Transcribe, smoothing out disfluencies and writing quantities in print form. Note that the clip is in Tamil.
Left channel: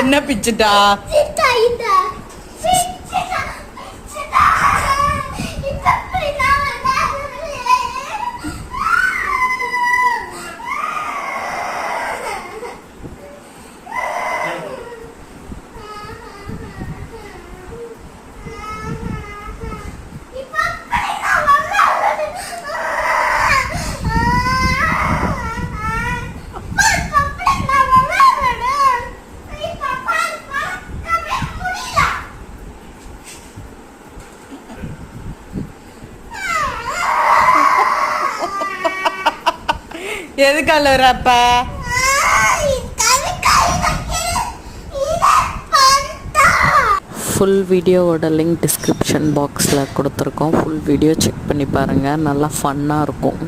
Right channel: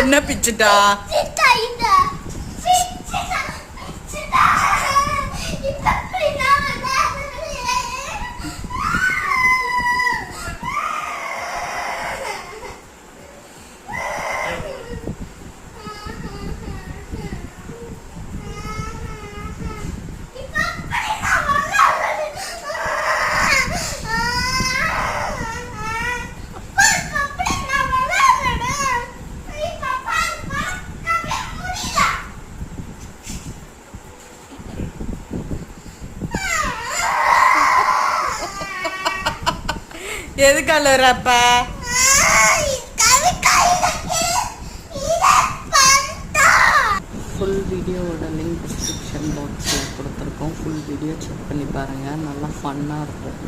என்ன பிச்சுட்டா? எதுக்கு அழுறப்ப? ஃபுல் வீடியோவோட லிங்க் டிஸ்கிரிப்ஷன் பாக்ஸில் கொடுத்துருக்கோம். ஃபுல் வீடியோ செக் பண்ணி பாருங்கள், நல்லா ஃபன்னாக இருக்கும்.